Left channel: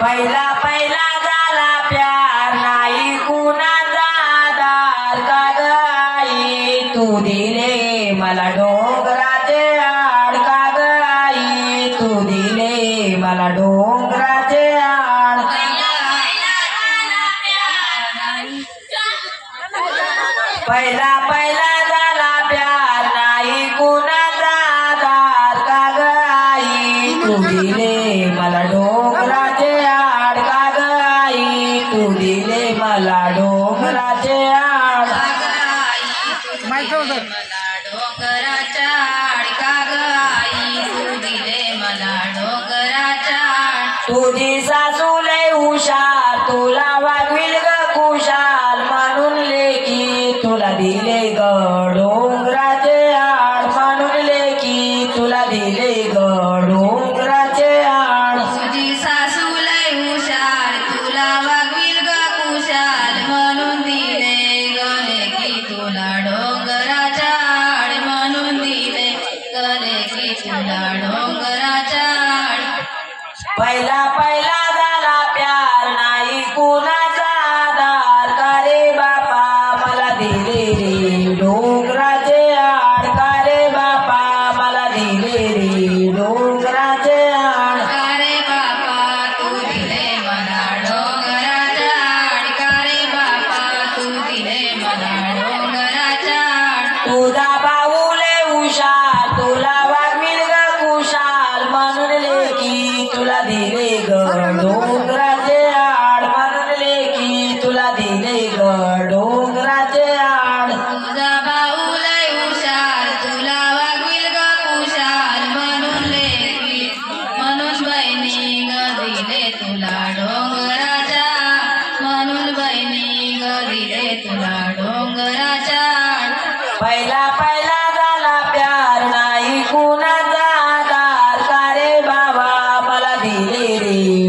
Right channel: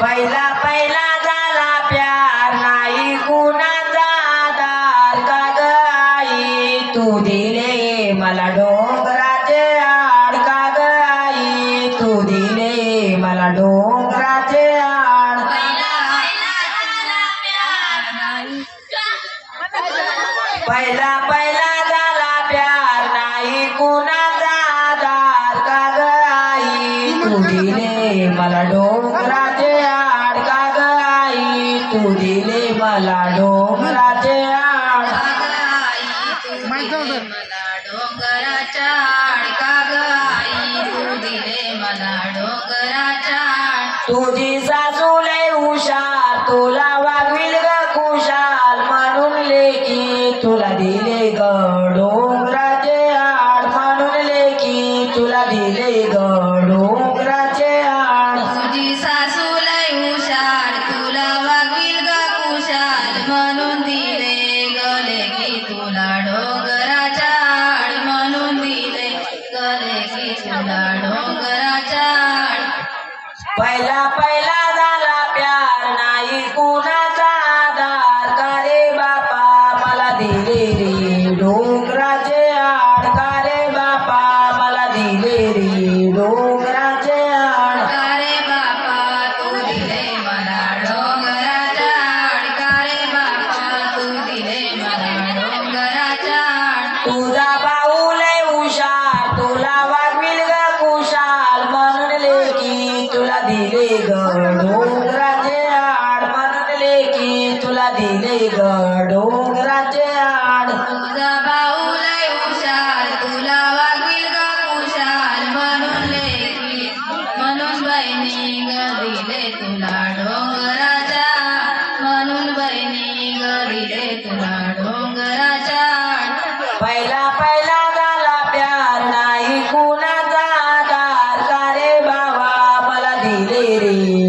पहिला पहिला झाला प्यार नाही कुणाचा आधार का ग आई तू दिले मला डोंगराचे आड का ग आई तू दिले मला डोंगराचे आड पहिला पहिला झाला प्यार नाही कुणाचा आधार का ग आई तू दिले मला डोंगराचे आड का ग आई तू दिले मला डोंगराचे आड मला डोंगराच्या आड का ग आई तू दिले मला डोंगराच्या आड तुझी सासू लय हुशार तुला वागविल ग कुशाल म्हणून लेकी तुला दिले ग डोंगराचे आड म्हणून लेकी तुला दिले ग डोंगराचे आड तुझी सासू लय हुशार तुला वागील ग कुशाल म्हणून दिले गले की तुला डोंगराच्या आड म्हणून दिले गले की तुला डोंगराच्या आड पहिला पहिला झाला प्यार नाही कुणाचा आधार का रे बापा मला दिले रे डोंगराचे आड का रे बापा मला दिले रे डोंगराचे आड का रे बापा तू दिले मला डोंगराच्या आड का रे बापा तू दिले मला डोंगराच्या आड तुझा भाऊ लय हुशार तुला वागविल ग कुशाल म्हणून लेकी तुला दिले ग डोंगराचे आड म्हणून लेकी तुला दिले ग डोंगराचे आड तुझा भाऊ लय हुशार तुला वागील ग कुशाल म्हणून लेकी म्हणून बहिणी ग दिले तुला डोंगराच्या म्हणून बहिणी ग दिले तुला डोंगराच्या पहिला पहिला झाला प्यार नाही कुणाचा आधार का रे बाबा मला दिले रे